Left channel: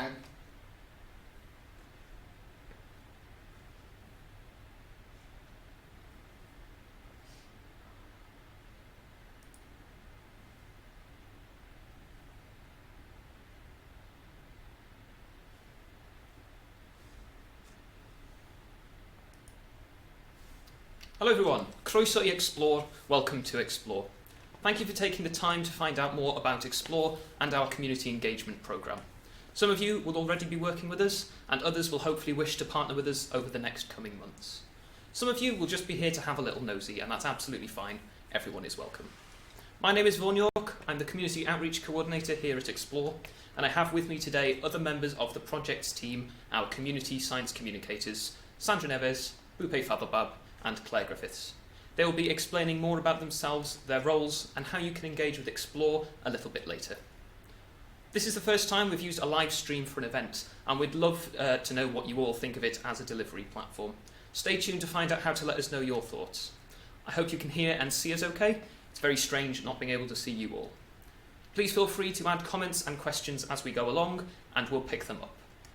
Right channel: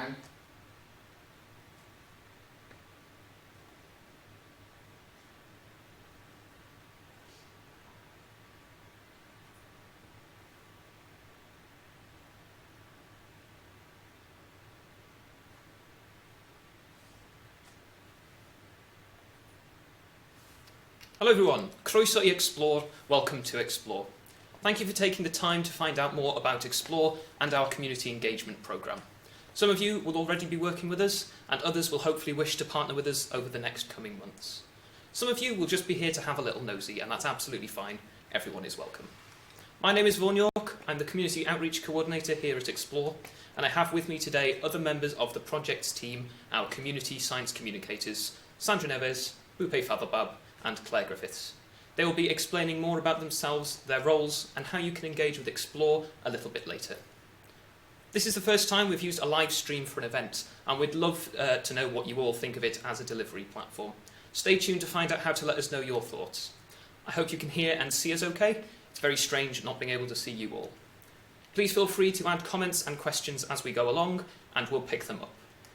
Hello everyone, Croeso I Xplore, welcome to Xplore. Thank you for taking the time to find out more about Xplore and our community engagement programme. Some of you will already be working with us, and others will hopefully wish to partner with us over the next coming months. Some of you will just be here to have a little nosy, and that's absolutely fine. Everyone is welcome. My name is Vaughan York, I'm the Community Outreach Coordinator here at Xplore, and I have with me today other members of the project's team, our Community Science Communicators, Sandra Neves, Bupe Fathobab, and Claire Griffiths. They will be explaining more about themselves, their roles, and how you can engage with Xplore a little bit later. This is the first time we've used a live stream for an event, and we'd love to know what you all think of it as a delivery platform. Stay tuned to find out how to let us know your thoughts. I hope you can hear and see us okay. It's very strange not being able to see you all. Please feel free to add comments and questions as we go along, and we'll pick them up.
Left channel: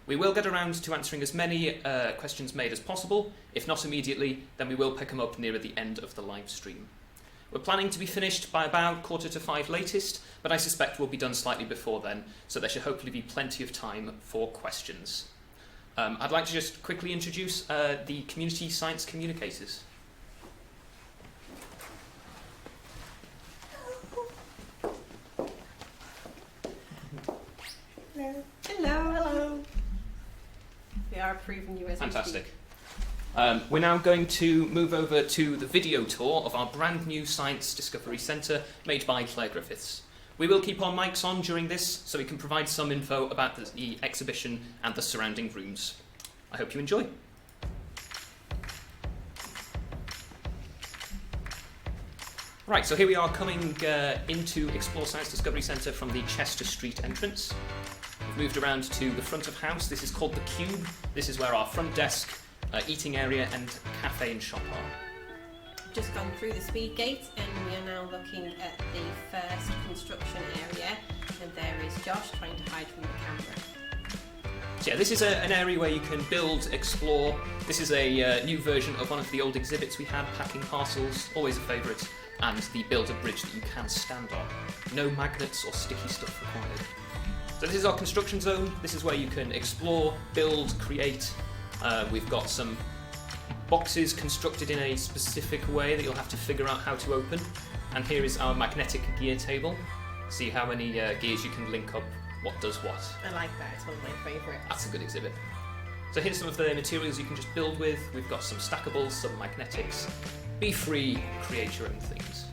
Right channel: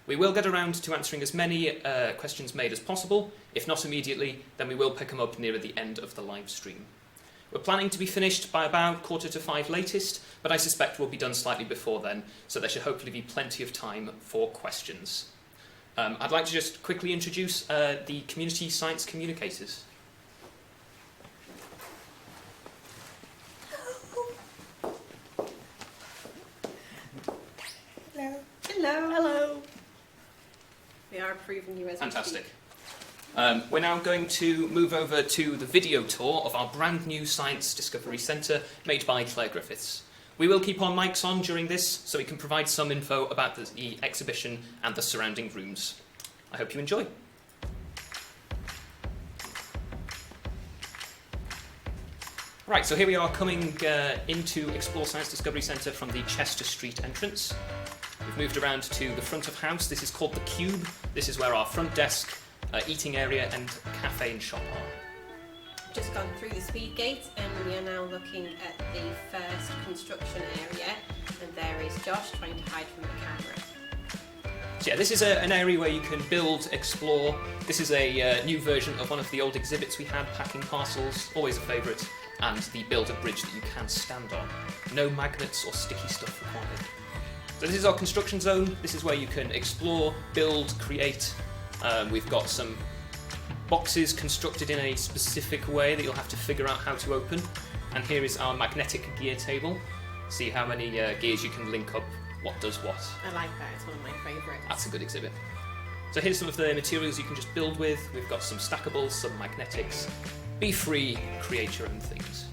We will get around to answering as many questions made as possible. If not immediately, then we will pick them up nearer the end of the live stream. We're planning to be finished by about 4:45 latest, but I suspect we'll be done slightly before then, so there should hopefully be plenty of time for questions. I'd like to just quickly introduce the Community Science Communicators. Hello. Hello. Hello. We are approving you as Fantastic. We're now going to move over to the video tour of our brand new Science Discovery Centre made by Claire Griffiths. We will keep our mics on during this so we can provide some info about the exhibition and the surrounding rooms. I hope you enjoy. Right, so here we are coming into Xplore Science Discovery Centre from the Chester Street entrance. We've moved around to the front of house. This is called the Cube. This is where our front desk, eating area and cafe and shop are. We've just gone through the speed gate and we are now looking at the first construction area, and there is Josh trying to hide from the camera. So yeah, this is an area where you can build, explore. This is a new version of one of the old exhibits we had, packing parcels, always a favourite, and the build a bridge that you can stand on. No magnets or sticky stuff required. So this is our construction zone. This is where you can explore, build, create. We've got some boxes constructed in a specific way that you'll have to figure out how to open. And here is our magnetic gear table. See how many gears you can link up, what does what. I like that, it's one of my favourites. That's a good exhibit. So here's some of the materials you can just build with. We've got some stackables, some magnetics. Be free, create your own things.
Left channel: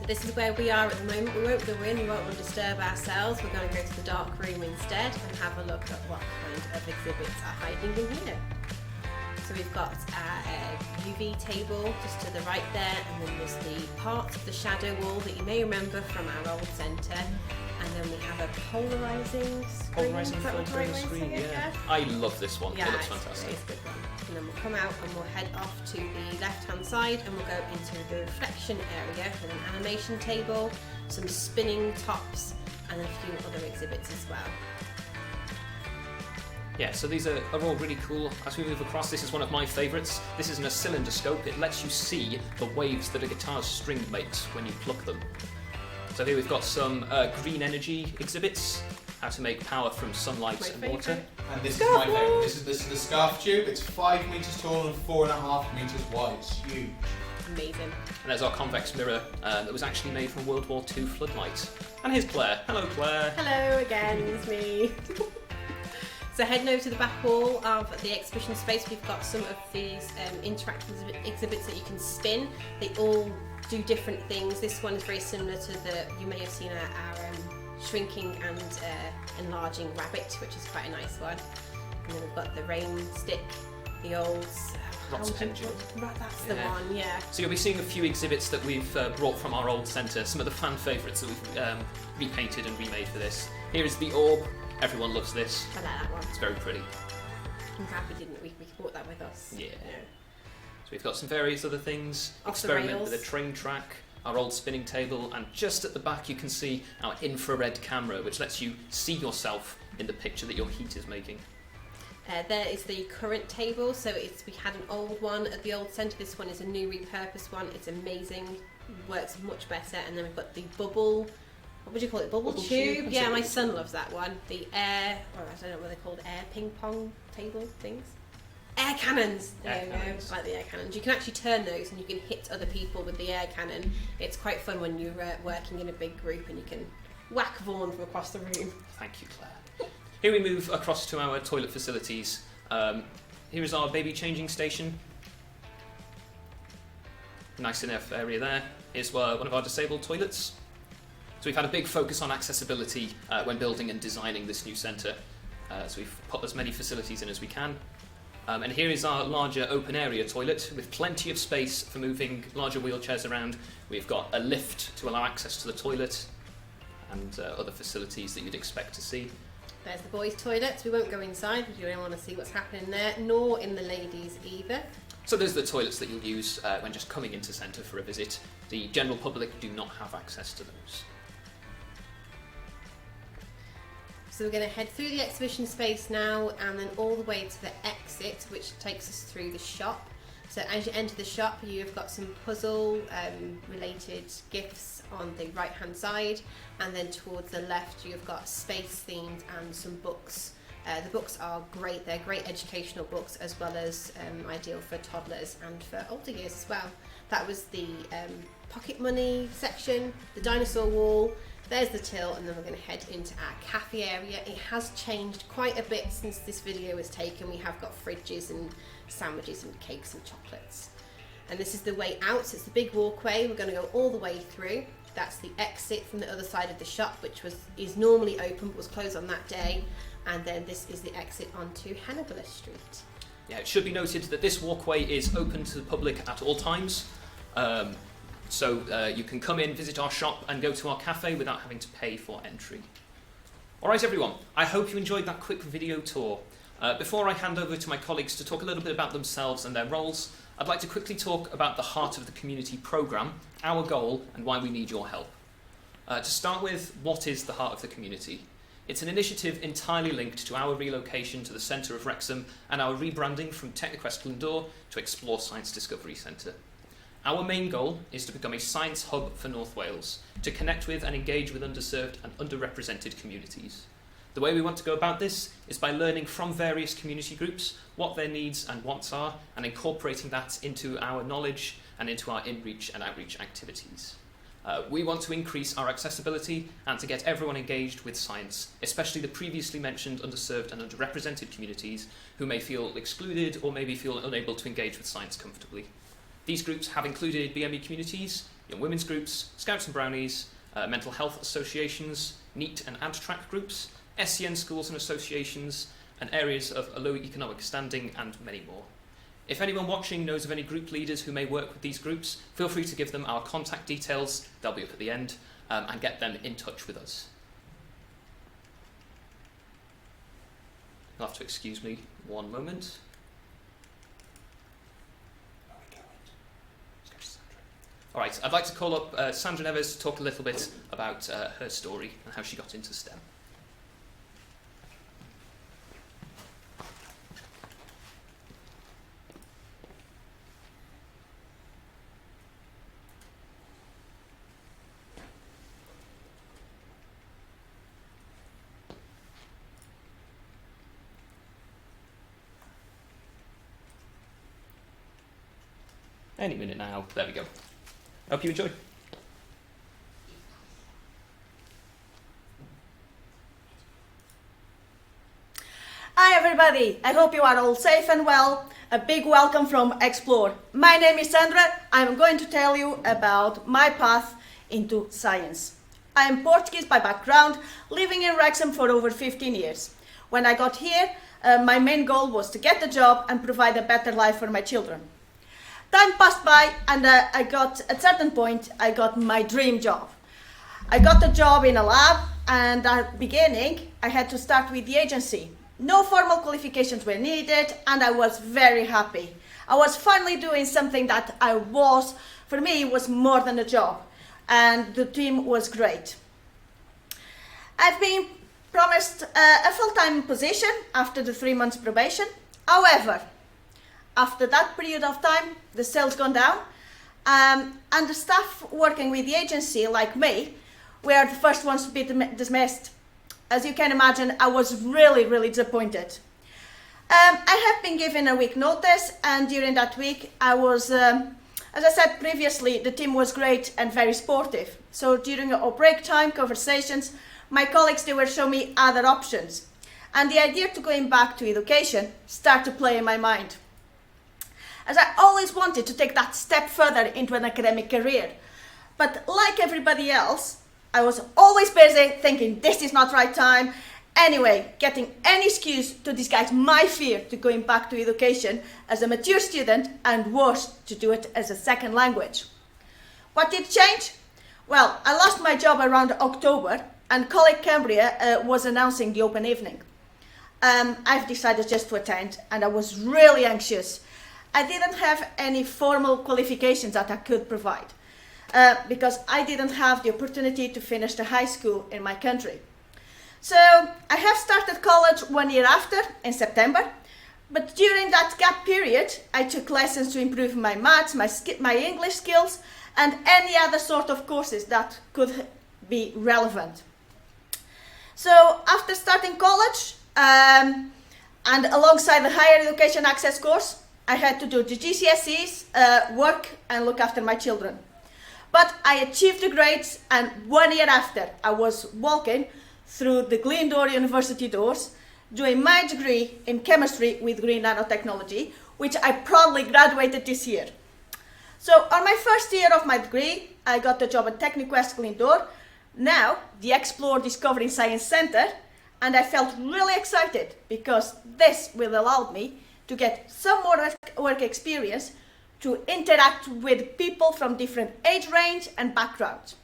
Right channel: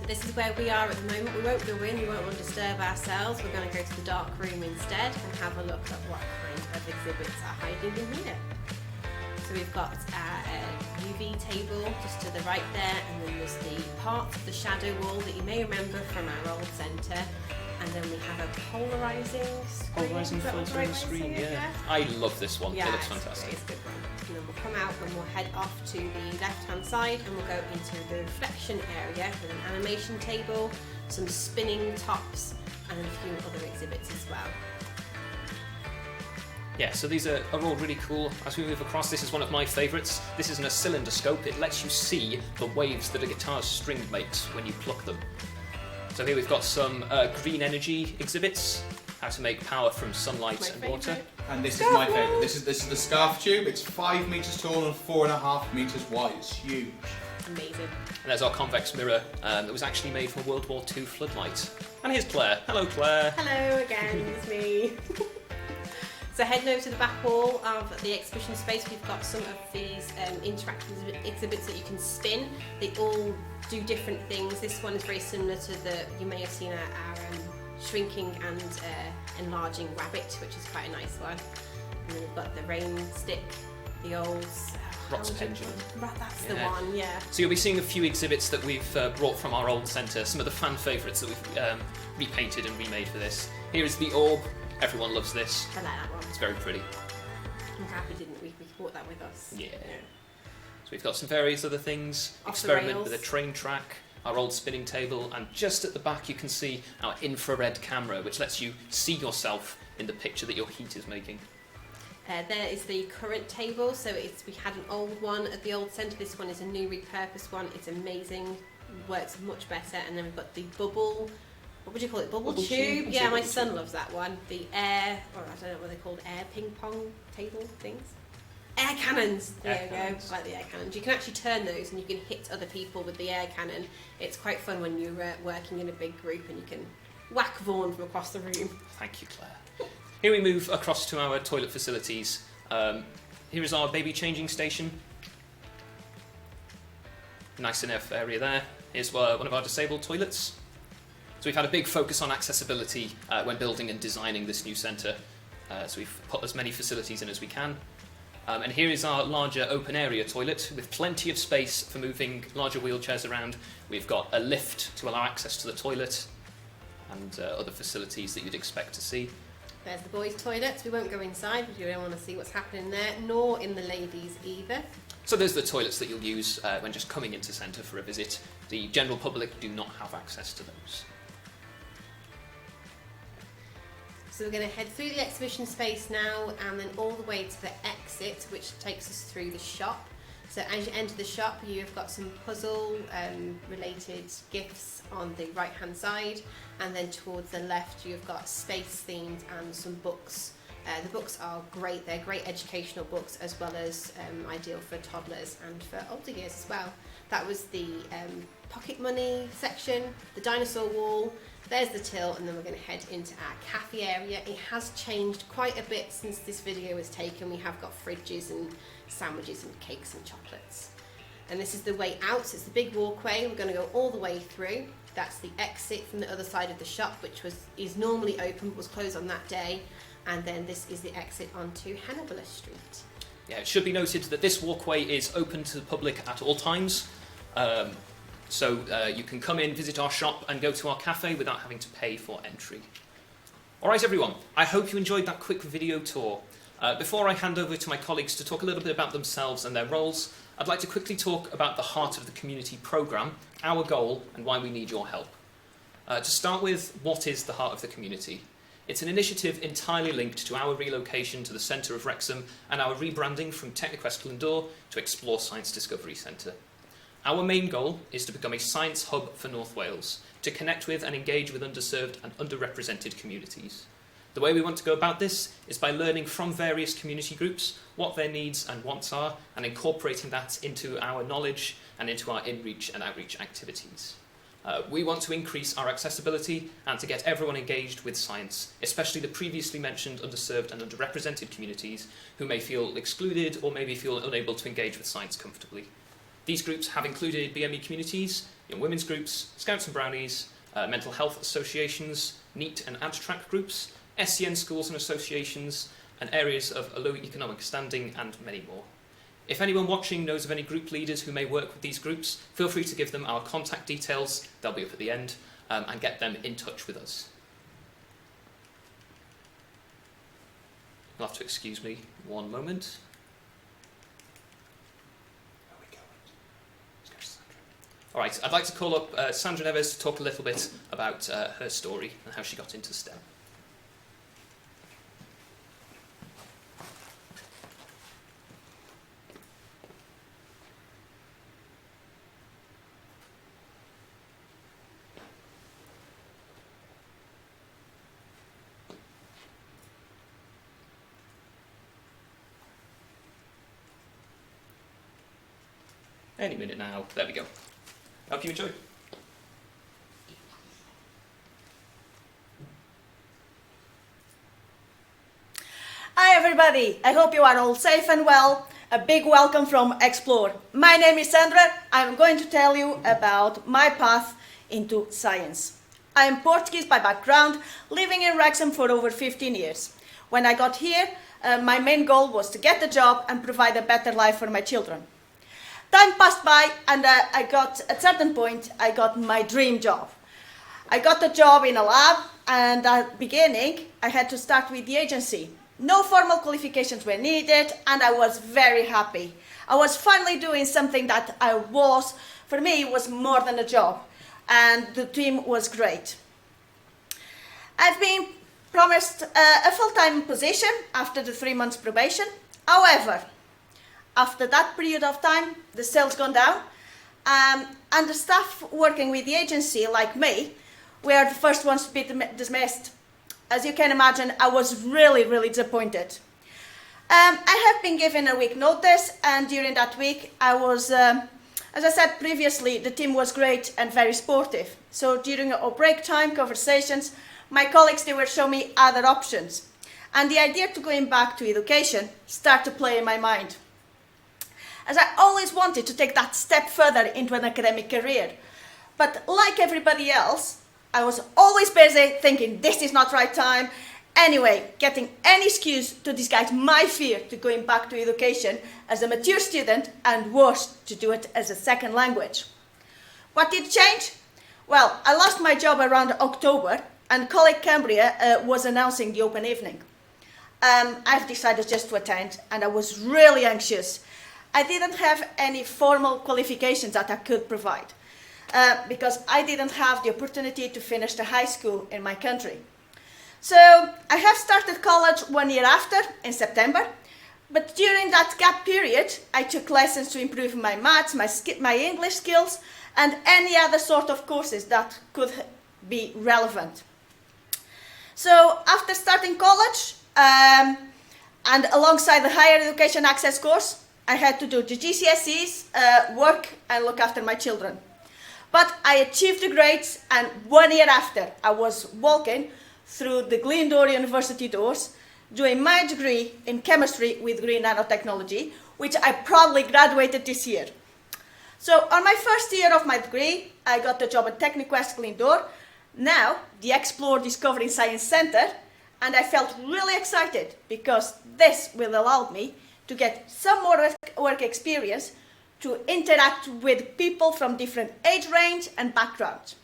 So this is where we are at the moment. We won't go in, we won't want to disturb ourselves. We're going to go to the dark room instead and have a look at what kind of exhibits are hiding in here. So we've got our UV table just to the right there, and then there's the part of the shadow wall that you may remember from our old centre. And then we have a polarising screen. Is that what the right way to say it? Yeah. I love this one. Yeah, it looks fantastic. It's a good one. And then we'll come out and we'll head off to the left-hand side and we'll go into the reflection area with an animation table, some spinning tops, and a few other exhibits as well. Yeah, so these are all really cool. As we move across, this is one of my favourites. This is an oscilloscope. It lets you see the waves that a guitar's string makes when you pluck them. So here we've got some green energy exhibits, how to make power from sunlight and water. And this is my favourite. This is the scarf tube. It's 5 metres tall and 4.5 metres wide. It's huge. Amazing. And there's our convex mirror that was actually made from World War II floodlights. And here's Claire. Hello, Claire. Hello again, it's me. So heading over to the back wall of the exhibition space, we've got some of these interactive exhibits that you can spin. They all do different things. This one is very similar to you may have seen our shrinking and enlarging rabbit, which is quite a nice one. And then we've got the rain stick, the old... That's the one, yeah. So you'll be seeing a few exhibits that we've brought from our old centre, some of the fan favourites that we've repainted and remade for this. Here is the orb. Everyone loves this. I like that one. It's very pretty. I'm happy we brought that with us. Yeah. So we've got some various other things. Off Experiment the rails. with a train track. our old spinning table, and just at the back you can see our infrared camera, which lets you see yourself in the picture that your heat is making. There is the current table, so we had an old one at the old centre. This one is a new repurposed one. It's amazing, works much better. And then we've got the bubble, what would you call it, bubble tube? Yeah, my son loves that one. The air, I don't know what they're called, air ping pong table things? Air cannons! There you go, like the air cannons. You can actually turn those and you can hit other people with the air cannon. It's quite fun when you're working in a big group and you can whack Vaughan from across the room. Thank you, Claire. Here we move across to our toilet facilities. Here is our baby changing station. Nice enough area there. Here's one of our disabled toilets. So we've had a big focus on accessibility when building and designing this new centre. So we've put as many facilities in as we can. And here is our larger open area toilet with plenty of space for moving larger wheelchairs around. We've got a lift to allow access to the toilet and other facilities that you'd expect to see. There's the boys' toilets. We won't go inside because you don't want to see what's happening there, nor in the ladies' either. So those are the toilets that you'll use when just coming into centre for a visit. The general public do not have access to those. So we're going to head through the exhibition space now and then all the way to the exit, which takes us through the shop. So as you enter the shop, you've got some puzzle related gifts on the right hand side, and then towards the left you've got space themed and some books. The books are great, they're great educational books as well as ideal for toddlers and for older years as well. That was the pocket money section, the dinosaur wall, there's the till, and then we're going to head into our cafe area. It has changed quite a bit since this video was taken. We have got fridges and sandwiches and cakes and chocolates. And this is the way out, so it's the big walkway. We're going to go all the way through. That's the exit from the other side of the shop, which is normally open but was closed on that day. And then this is the exit onto Hannibal Street. Yeah, it should be noted that this walkway is open to the public at all times. So you can come in, visit our shop and go to our cafe without having to pay for entry. Alright everyone, I hope you enjoyed that quick video tour. Before I hand over to my colleagues to talk a little bit about themselves and their roles, I'd like to quickly talk about the Heart of the Community programme, our goal and why we need your help. To start with, what is the Heart of the Community? It's an initiative entirely linked to our relocation to the centre of Wrexham and our rebranding from Technoquest Glyndŵr to Xplore Science Discovery Centre. Our main goal is to become a science hub for North Wales, to connect with and engage with underserved and underrepresented communities. The way we want to go about this is by learning from various community groups what their needs and wants are and incorporating that into our knowledge and into our in-reach and outreach activities. We want to increase our accessibility and to get everyone engaged with science, especially the previously mentioned underserved and underrepresented communities who may feel excluded or maybe feel unable to engage with science comfortably. These groups have included BME communities, young women's groups, Scouts and Brownies, mental health associations, NEET and ADTRAC groups, SCN schools and associations, and areas of a low economic standing, and many more. If anyone watching knows of any group leaders who may work with these groups, feel free to give them our contact details, they'll be up at the end, and get them in touch with us. You'll have to excuse me one moment. Alright, I'd like to call up Sandra Neves to talk a little bit about her story and how she got into STEM. Any minute now, there we go. Hope you enjoy. Hi everybody, I hope you are all safe and well. A big welcome from Xplore. My name is Sandra. I'm going to tell you about my path into science. I am Portuguese by background, living in Wrexham for over 15 years. When I got here, my main goal was to get a job and provide a better life for my children. Time passed by and at a certain point, I got my dream job. I got a job in a lab, and at the beginning, I had to start with the agency. No formal qualifications were needed, and I was very happy. I was finally doing something that for me, was more than a job. and the team was great. I've been promised a full-time position after the 3 months probation. However, after that period of time, the sales gone down, and the staff working with the agency, like me, were the first ones to be dismissed. As you can imagine, I was really disappointed. I have been given a week notice, and during that week I was, as I said previously, the team was great and very sportive. So during our break time conversations, my colleagues, they were showing me other options. And the idea to going back to education started to play in my mind. As I always wanted to take that step further into an academic career. But like everybody else, I was always busy thinking this is not right time. Anyway, getting any excuse to disguise my fear to going back to education as a mature student, and worse, to do it as a second language. What did change? Well, I lost my job around October, and colleague Cambria was announcing the open evening. I've decided just to attend, and I was really anxious. I didn't have any formal qualifications that I could provide, because I didn't have the opportunity to finish the high school in my country. So I have started college 1 year after, in September, but during that gap period, I took lessons to improve my maths, my English skills, and any other sort of courses that could be relevant. So after starting college, and alongside the higher education access course, I had to do the GCSEs, work, and look after my children. But I achieved the grades, and 1 year after, I was walking through the Glyndŵr University doors, doing my degree in chemistry with green nanotechnology, which I proudly graduated this year. So on my first year of my degree, I got the job at TechniQuest Glyndŵr, now the Xplore Discovery Science Center, and I felt really excited because this will allow me to get some more work experience to interact with people from different age range and backgrounds.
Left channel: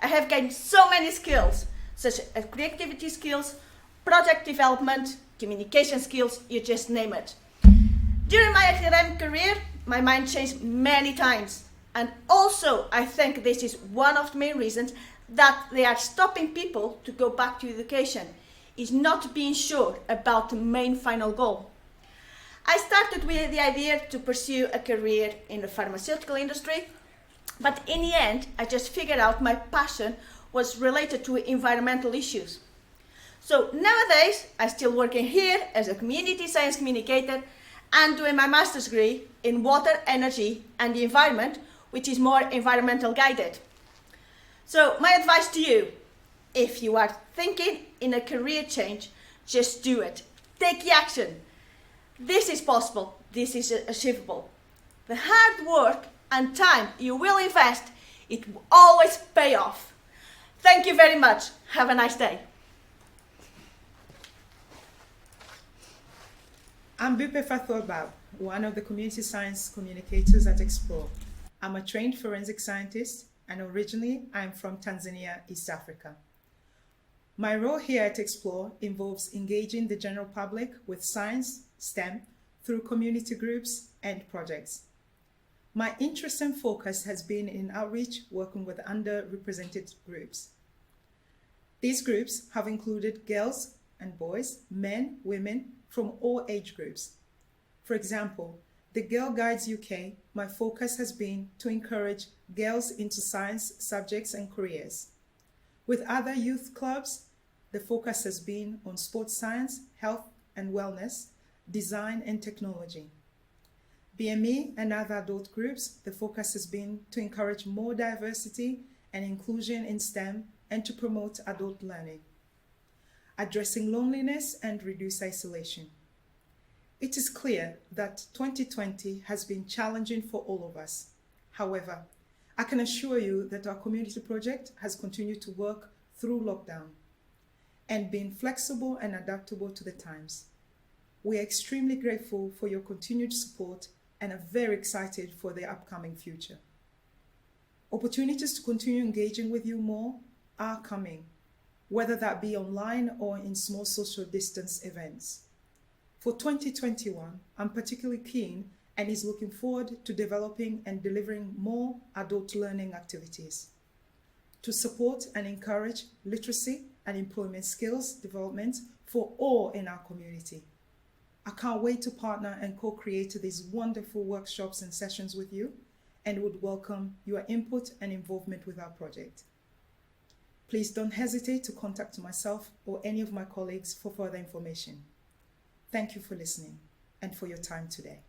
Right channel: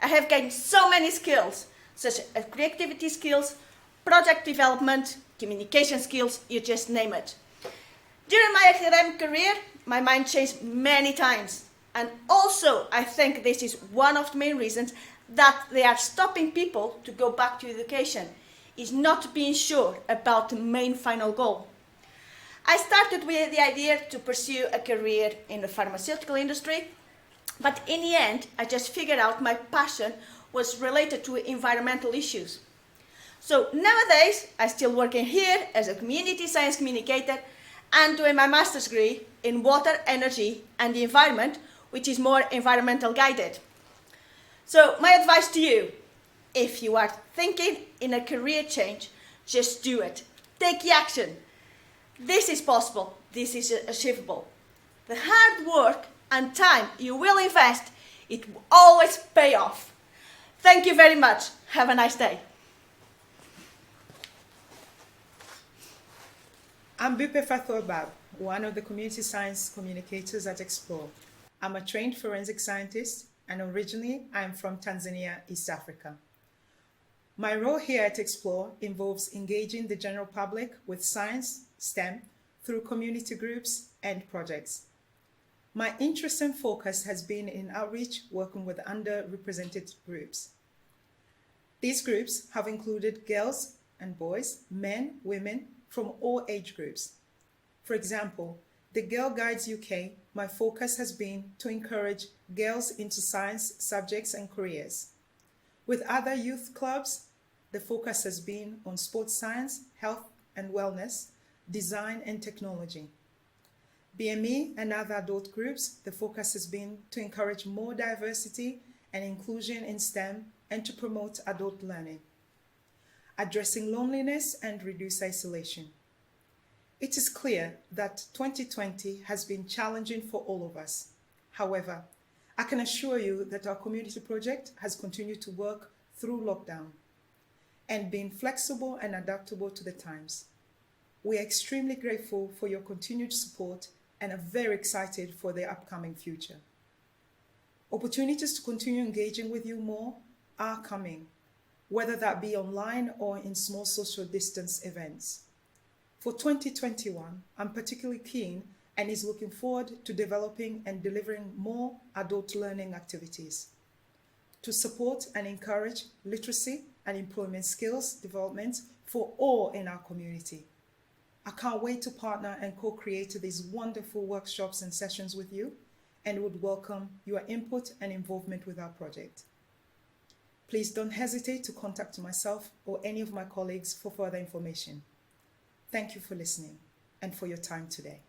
I have gained so many skills, such as creativity skills, project development, communication skills, you just name it. During my academic career, my mind changed many times. And also, I think this is one of the main reasons that they are stopping people to go back to education, is not being sure about the main final goal. I started with the idea to pursue a career in the pharmaceutical industry, but in the end, I just figured out my passion was related to environmental issues. So nowadays, I'm still working here as a community science communicator and doing my master's degree in water, energy, and the environment, which is more environmental guided. So my advice to you, if you are thinking in a career change, just do it. Take the action. This is possible. This is achievable. The hard work and time you will invest, it will always pay off. Thank you very much. Have a nice day. I'm Bipe Fathobab, one of the community science communicators at Xplore. I'm a trained forensic scientist, and originally I'm from Tanzania, East Africa. My role here at Xplore involves engaging the general public with science, STEM, through community groups and projects. My interest and focus has been in outreach, working with underrepresented groups. These groups have included girls and boys, men, women, from all age groups. For example, the Girl Guides UK, my focus has been to encourage girls into science subjects and careers. With other youth clubs, the focus has been on sports science, health and wellness, design and technology. BME and other adult groups, the focus has been to encourage more diversity and inclusion in STEM and to promote adult learning, addressing loneliness and reduce isolation. It is clear that 2020 has been challenging for all of us. However, I can assure you that our community project has continued to work through lockdown and been flexible and adaptable to the times. We are extremely grateful for your continued support and are very excited for the upcoming future. Opportunities to continue engaging with you more are coming, whether that be online or in small social distance events. For 2021, I'm particularly keen and is looking forward to developing and delivering more adult learning activities. to support and encourage literacy and employment skills development for all in our community. I can't wait to partner and co-create these wonderful workshops and sessions with you, and would welcome your input and involvement with our project. Please don't hesitate to contact myself or any of my colleagues for further information. Thank you for listening and for your time today.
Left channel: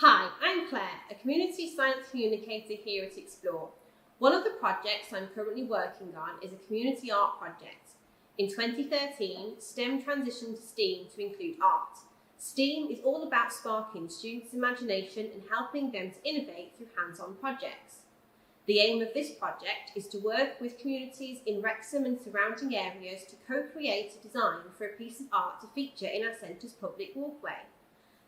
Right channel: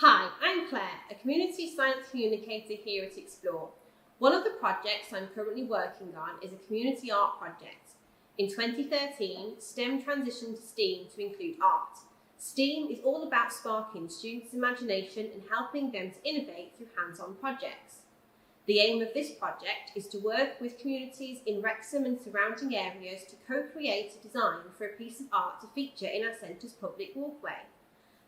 Hi, I'm Claire, a community science communicator here at Xplore. One of the projects I'm currently working on is a community art project. In 2013, STEM transitioned to STEAM to include art. STEAM is all about sparking students' imagination and helping them to innovate through hands-on projects. The aim of this project is to work with communities in Wrexham and surrounding areas to co-create a design for a piece of art to feature in our centre's public walkway.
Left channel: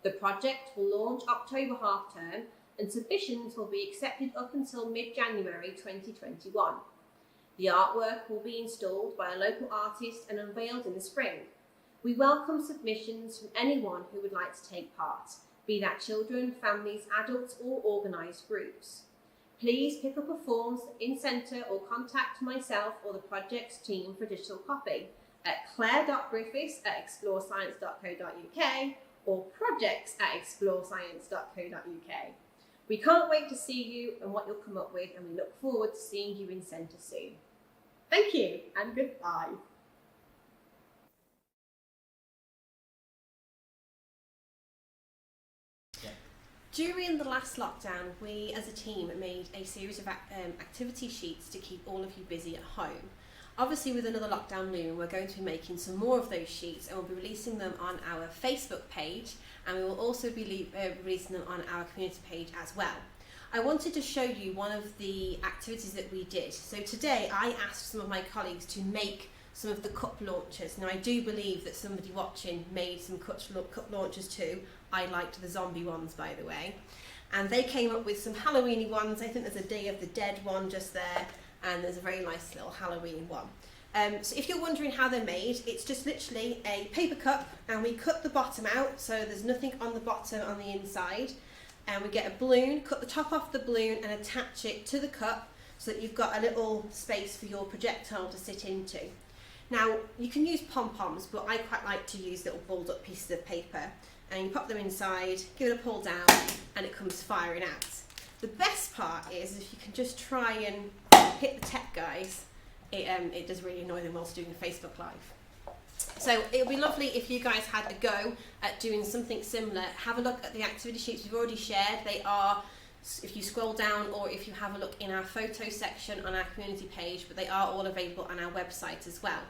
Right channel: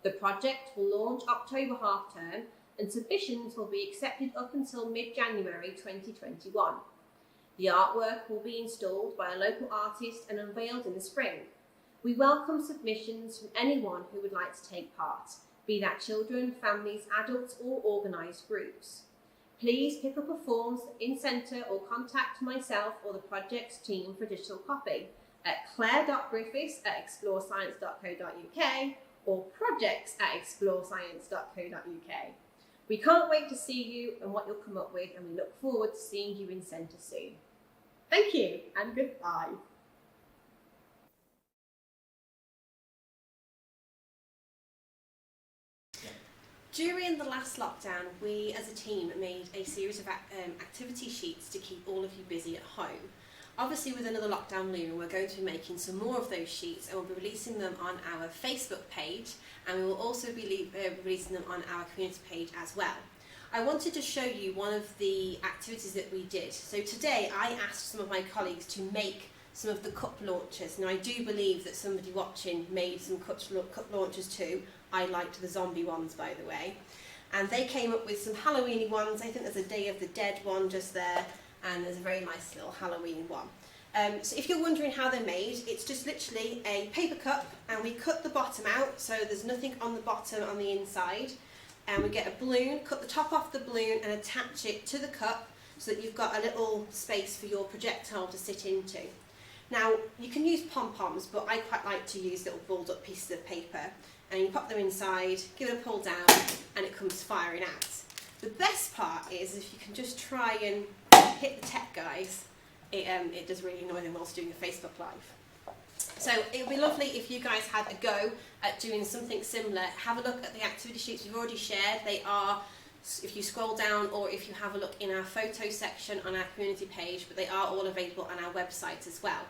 The project will launch October half-term and submissions will be accepted up until mid-January 2021. The artwork will be installed by a local artist and unveiled in the spring. We welcome submissions from anyone who would like to take part, be that children, families, adults or organised groups. Please pick up a form in centre or contact myself or the project's team for digital copy at claire.griffiths@explorescience.co.uk or projects@explorescience.co.uk. We can't wait to see you and what you'll come up with, and we look forward to seeing you in centre soon. Thank you and goodbye. During the last lockdown, we as a team made a series of activity sheets to keep all of you busy at home. Obviously, with another lockdown looming, we're going to be making some more of those sheets, and we'll be releasing them on our Facebook page, and we will also be releasing them on our community page as well. I wanted to show you one of the activities that we did. So today I asked some of my colleagues to make some of the cup launchers. Now I do believe that somebody watching made some cup launchers too. I liked the zombie ones, by the way. And they came up with some Halloween-y ones. I think there's a Day of the Dead one just there, and there's a very nice little Halloween one. So if you're wondering how they're made, it's just literally a paper cup, and we cut the bottom out so there's nothing on the bottom on the inside. And we get a balloon, cut the top off the balloon and attach it to the cup so that you've got a little space for your projectile to sit into. Now, you can use pom-poms, but I quite like to use little balled up pieces of paper. And you pop them inside, give it a pull down, and it comes firing out. The best part is if you can just try and hit the tech guys, it does really annoy them whilst doing a Facebook Live. So it would be lovely if you guys had a go at doing something similar. Have a look at the activity sheets we've already shared. They are, if you scroll down or if you have a look in our photo section on our community page, but they are all available on our website as well.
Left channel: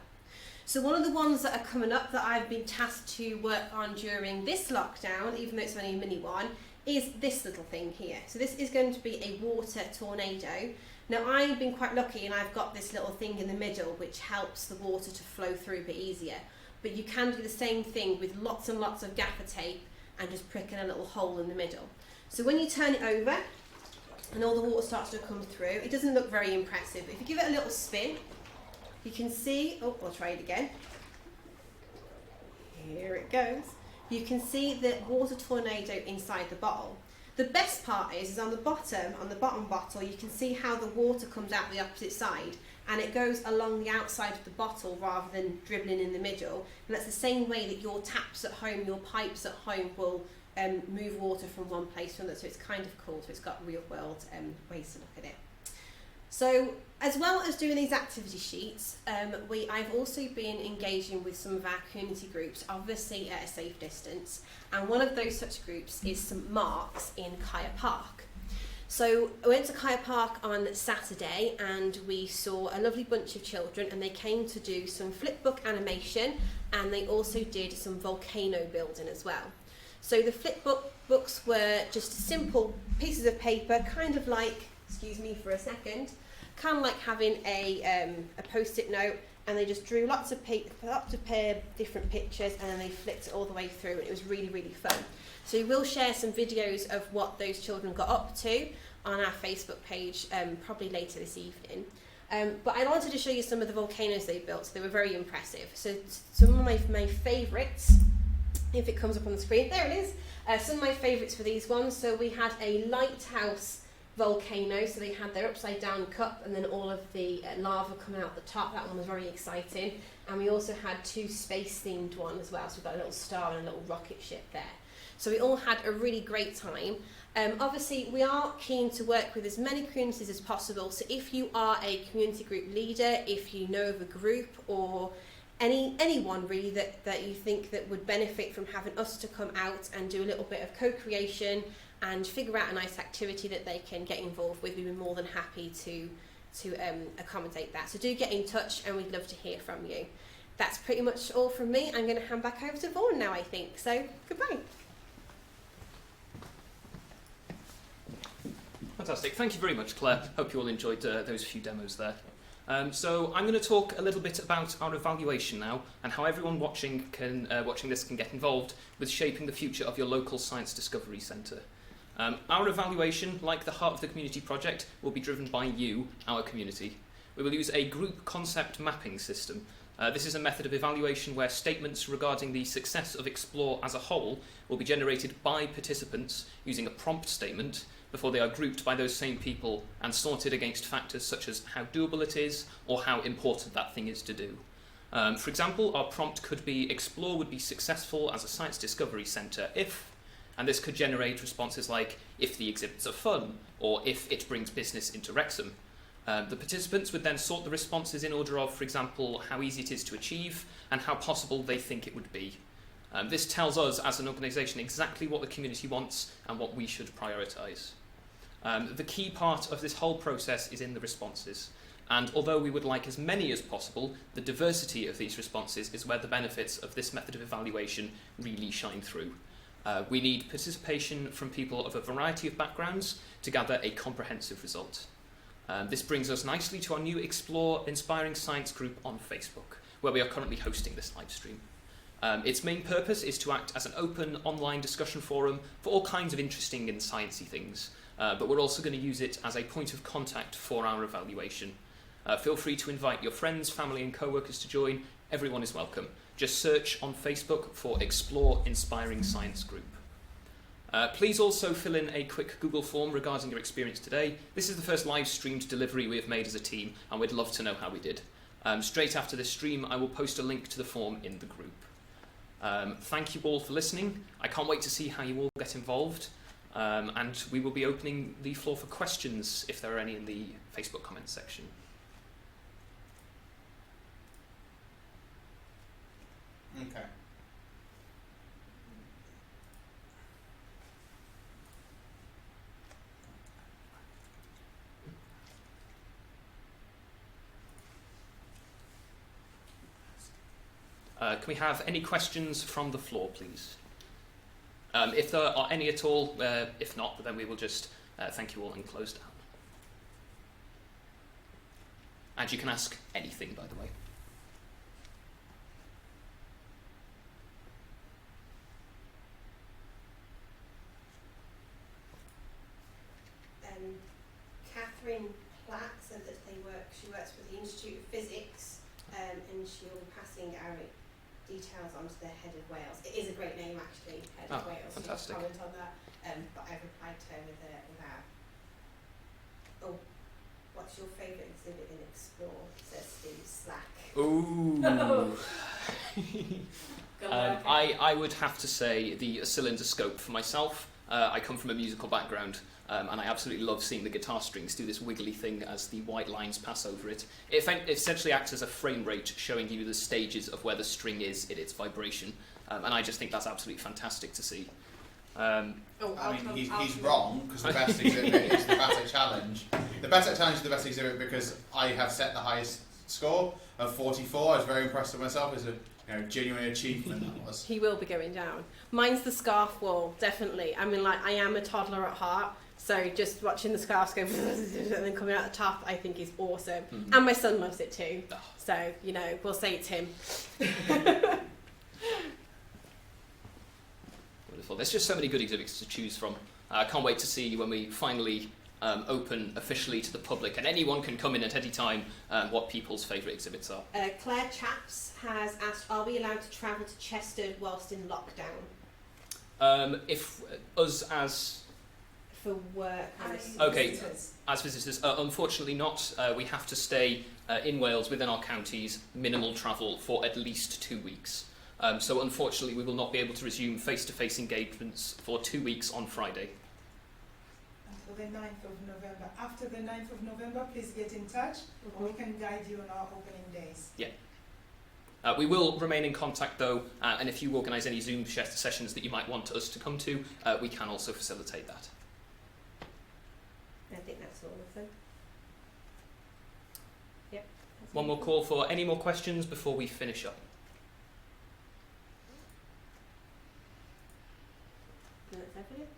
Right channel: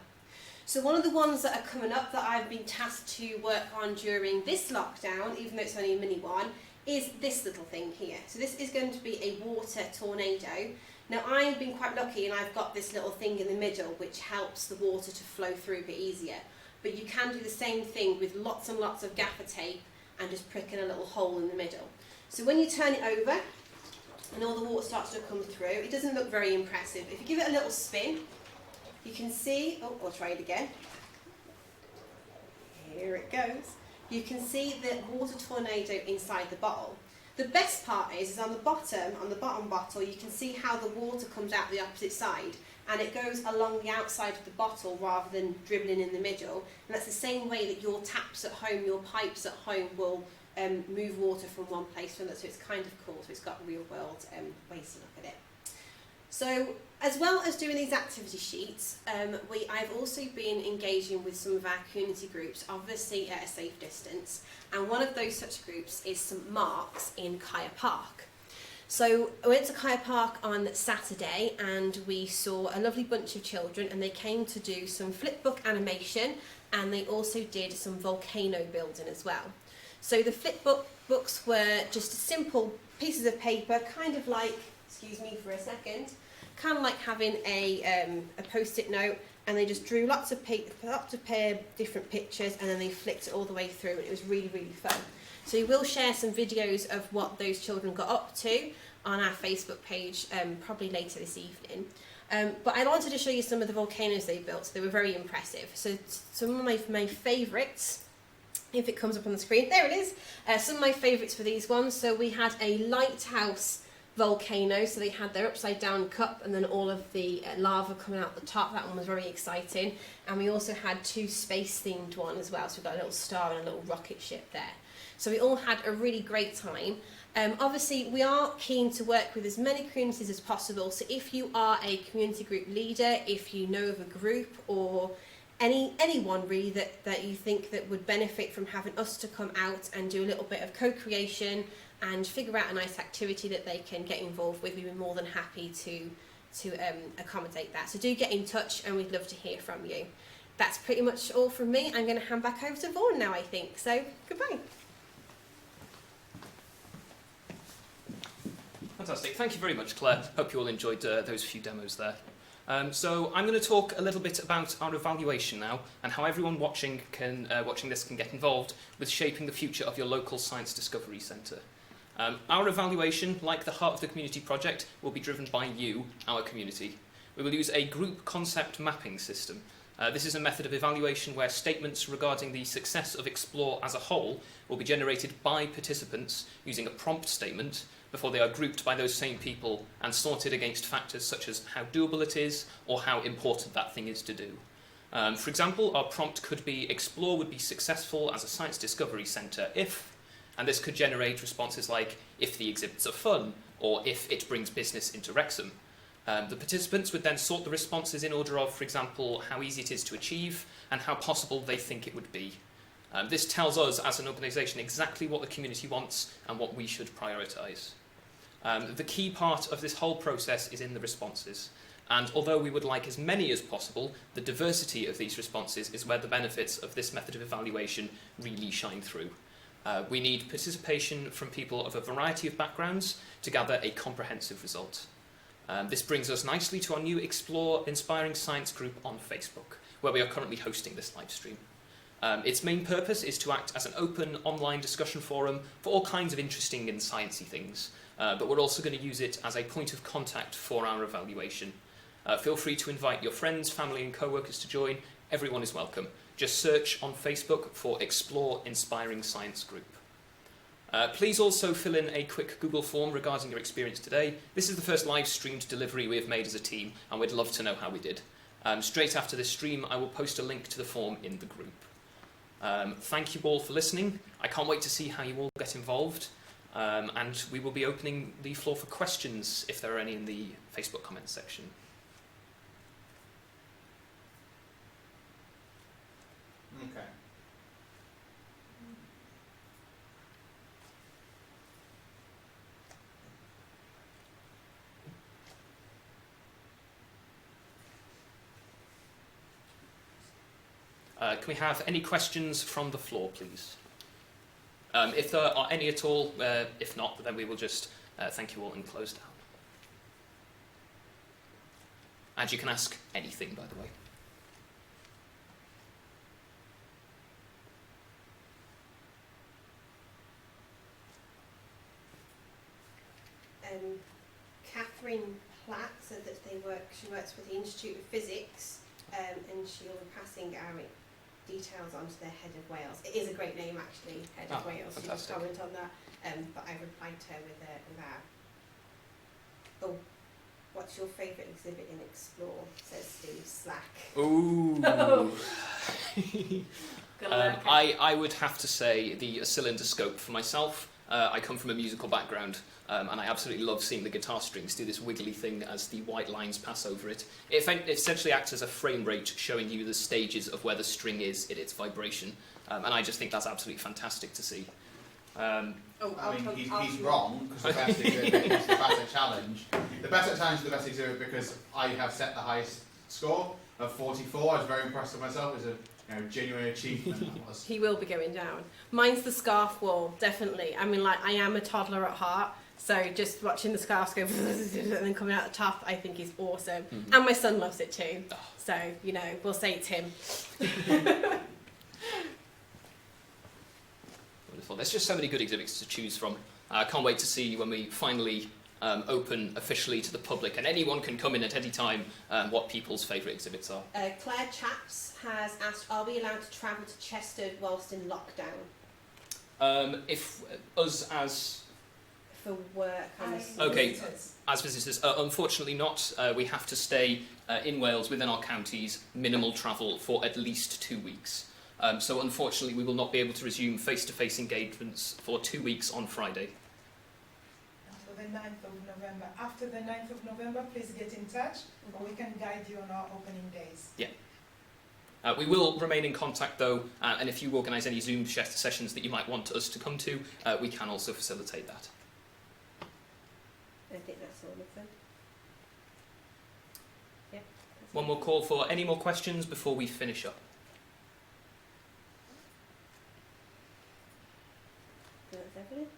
So one of the ones that are coming up that I've been tasked to work on during this lockdown, even though it's only a mini one, is this little thing here. So this is going to be a water tornado. Now I've been quite lucky and I've got this little thing in the middle which helps the water to flow through a bit easier. But you can do the same thing with lots and lots of gaffer tape and just prick in a little hole in the middle. So when you turn it over and all the water starts to come through, it doesn't look very impressive. If you give it a little spin, you can see, oh, I'll try it again. Here it goes. You can see the water tornado inside the bottle. The best part is on the bottom bottle, you can see how the water comes out the opposite side, and it goes along the outside of the bottle rather than dribbling in the middle. And that's the same way that your taps at home, your pipes at home will move water from one place to another. So it's kind of cool. So it's got real world ways to look at it. So as well as doing these activity sheets, I've also been engaging with some of our community groups, obviously at a safe distance, and one of those such groups is St Mark's in Kaya Park. So I went to Kaya Park on Saturday and we saw a lovely bunch of children, and they came to do some flipbook animation, and they also did some volcano building as well. So the flipbooks were just simple pieces of paper, kind of like, excuse me for a second, kind of like having a post-it note, and they just drew lots of different pictures, and then they flicked it all the way through, and it was really, really fun. So we will share some videos of what those children got up to on our Facebook page probably later this evening. But I wanted to show you some of the volcanoes they built. So they were very impressive. So some of my favourites if it comes up on the screen. There it is. Some of my favourites for these ones. So we had a lighthouse volcano, so they had their upside down cup and then all of the lava coming out the top. That one was very exciting. And we also had 2 space themed ones as well, so we've got a little star and a little rocket ship there. So we all had a really great time. Obviously we are keen to work with as many communities as possible, so if you are a community group leader, if you know of a group or anyone really that you think that would benefit from having us to come out and do a little bit of co-creation and figure out a nice activity that they can get involved with, we'd be more than happy to accommodate that. So do get in touch and we'd love to hear from you. That's pretty much all from me. I'm going to hand back over to Vaughan now, I think. So goodbye. Fantastic. Thank you very much, Claire. Hope you all enjoyed those few demos there. So I'm going to talk a little bit about our evaluation now and how everyone watching this can get involved with shaping the future of your local Science Discovery Centre. Our evaluation, like the heart of the community project, will be driven by you, our community. We will use a group concept mapping system. This is a method of evaluation where statements regarding the success of Xplore as a whole will be generated by participants using a prompt statement before they are grouped by those same people and sorted against factors such as how doable it is or how important that thing is to do. For example, our prompt could be Xplore would be successful as a Science Discovery Centre if, and this could generate responses like if the exhibits are fun or if it brings business into Wrexham. The participants would then sort the responses in order of, for example, how easy it is to achieve and how possible they think it would be. This tells us as an organisation exactly what the community wants and what we should prioritise. The key part of this whole process is in the responses, and although we would like as many as possible, the diversity of these responses is where the benefits of this method of evaluation really shine through. We need participation from people of a variety of backgrounds to gather a comprehensive result. This brings us nicely to our new Xplore Inspiring Science group on Facebook, where we are currently hosting this live stream. Its main purpose is to act as an open online discussion forum for all kinds of interesting and sciencey things, but we're also going to use it as a point of contact for our evaluation. Feel free to invite your friends, family and co-workers to join. Everyone is welcome. Just search on Facebook for Xplore Inspiring Science Group. Please also fill in a quick Google form regarding your experience today. This is the first live streamed delivery we have made as a team, and we'd love to know how we did. Straight after this stream, I will post a link to the form in the group. Thank you all for listening. I can't wait to see how you all get involved, and we will be opening the floor for questions if there are any in the Facebook comments section. Okay. Can we have any questions from the floor, please? If there are any at all, if not, then we will just thank you all and close down. And you can ask anything, by the way. Catherine Platt said that she works for the Institute of Physics, and she'll be passing our details on to their head of Wales. It is a great name, actually, head of Wales. Fantastic. Comment on that. But I replied to her with our. Oh, what's your favourite exhibit in Xplore? Says Steve Slack. Ooh. Go on, I would have to say the cylinder scope for myself. I come from a musical background, and I absolutely love seeing the guitar strings do this wiggly thing as the white lines pass over it. It essentially acts as a frame rate, showing you the stages of where the string is in its vibration, and I just think that's absolutely fantastic to see. He's wrong, because the best exhibit is the better challenge. The better challenge is the best exhibit because I have set the highest score of 44. I was very impressed with myself. It's a genuine achievement. That was. He will be going down. Mine's the scarf wall, definitely. I mean, like, I am a toddler at heart, so just watching the scarves go and then coming out the top, I think is awesome. Mm-hmm. And my son loves it too. So, we'll say it's him. Wonderful. There's just so many good exhibits to choose from. I can't wait to see when we finally open officially to the public, and anyone can come in at any time what people's favourite exhibits are. Claire Chaps has asked, are we we allowed to travel to Chester whilst in lockdown If us as for work and Okay. As visitors, unfortunately not. We have to stay in Wales within our counties, minimal travel for at least 2 weeks. So unfortunately we will not be able to resume face-to-face engagements for 2 weeks on Friday. Until the 9th of November. After the 9th of November, please get in touch. We can guide you on our opening days. We will remain in contact though, and if you organise any Zoom sessions that you might want us to come to, we can also facilitate that. I think that's all of them. Yeah. One more call for any more questions before we finish up. That's everything.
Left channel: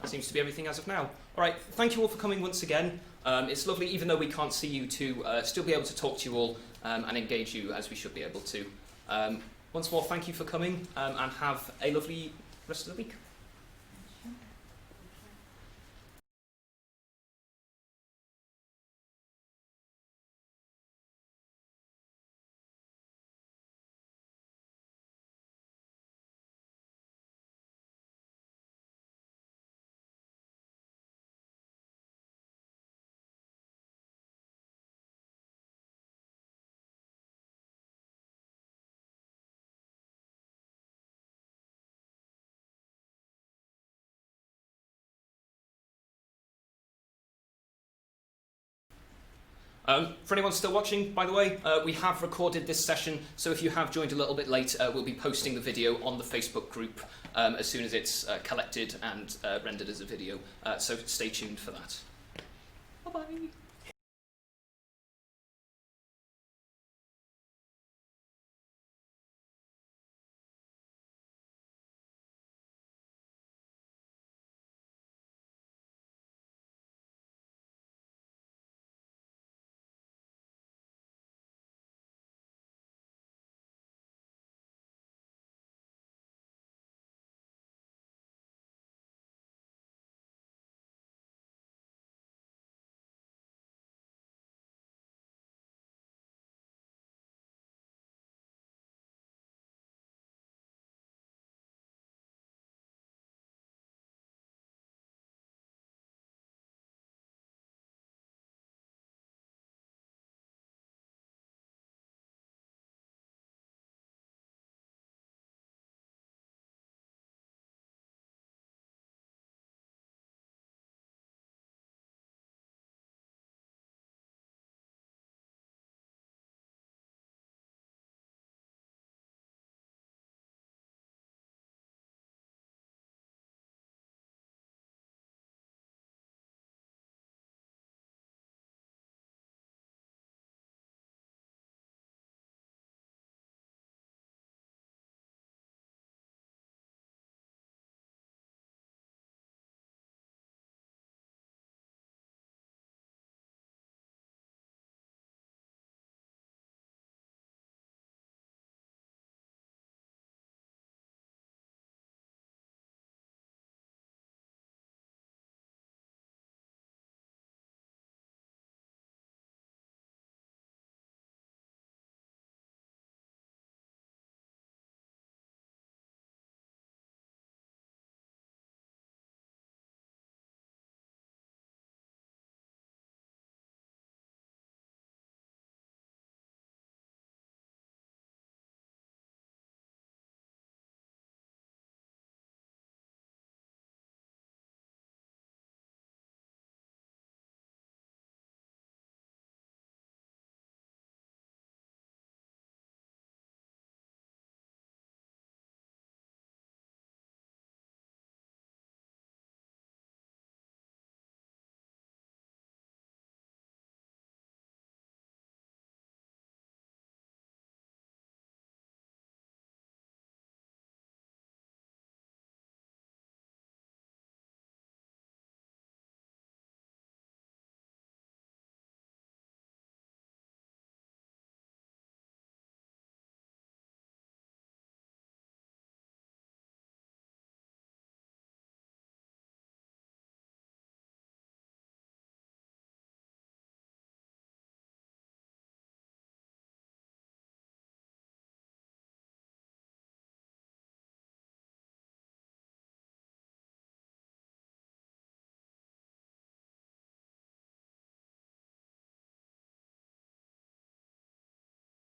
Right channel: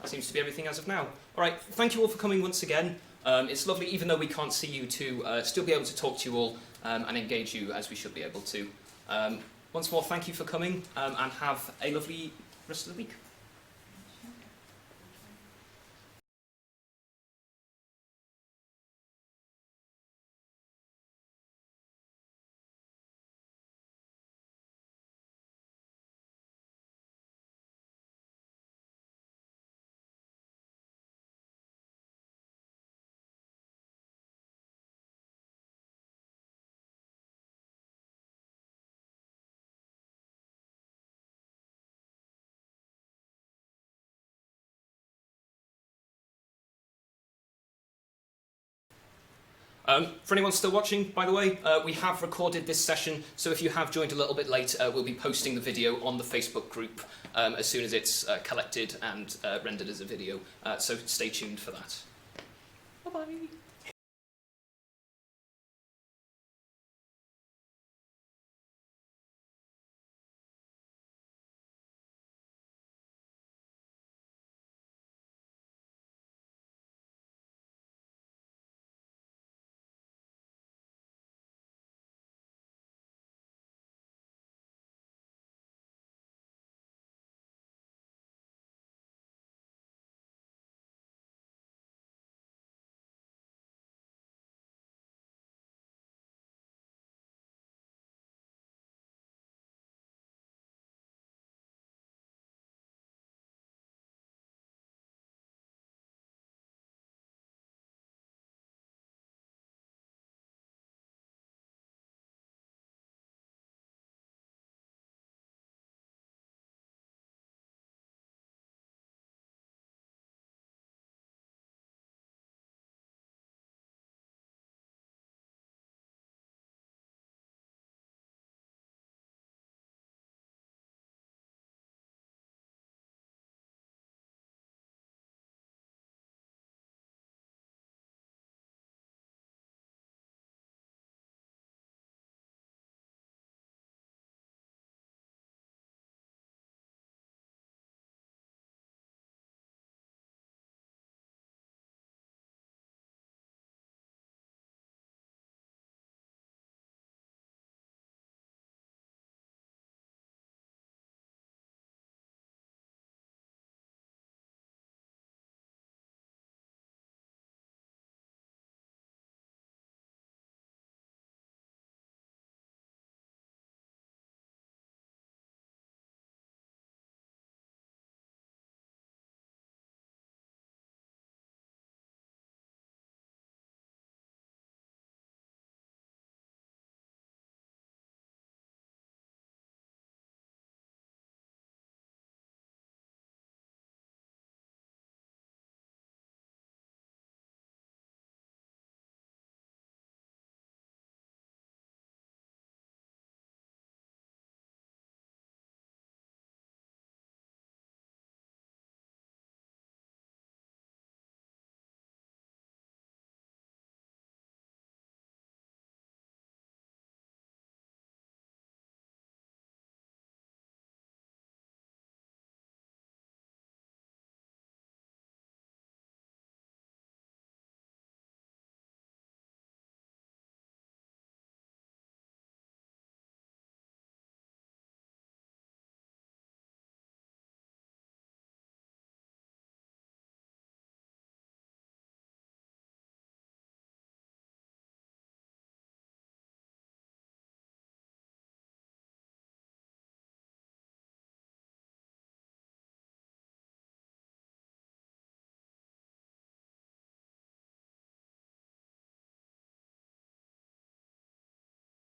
That seems to be everything as of now. Alright, thank you all for coming once again. It's lovely, even though we can't see you, to still be able to talk to you all and engage you as we should be able to. Once more, thank you for coming and have a lovely rest of the week. For anyone still watching, by the way, we have recorded this session, so if you have joined a little bit late, we'll be posting the video on the Facebook group as soon as it's collected and rendered as a video, so stay tuned for that.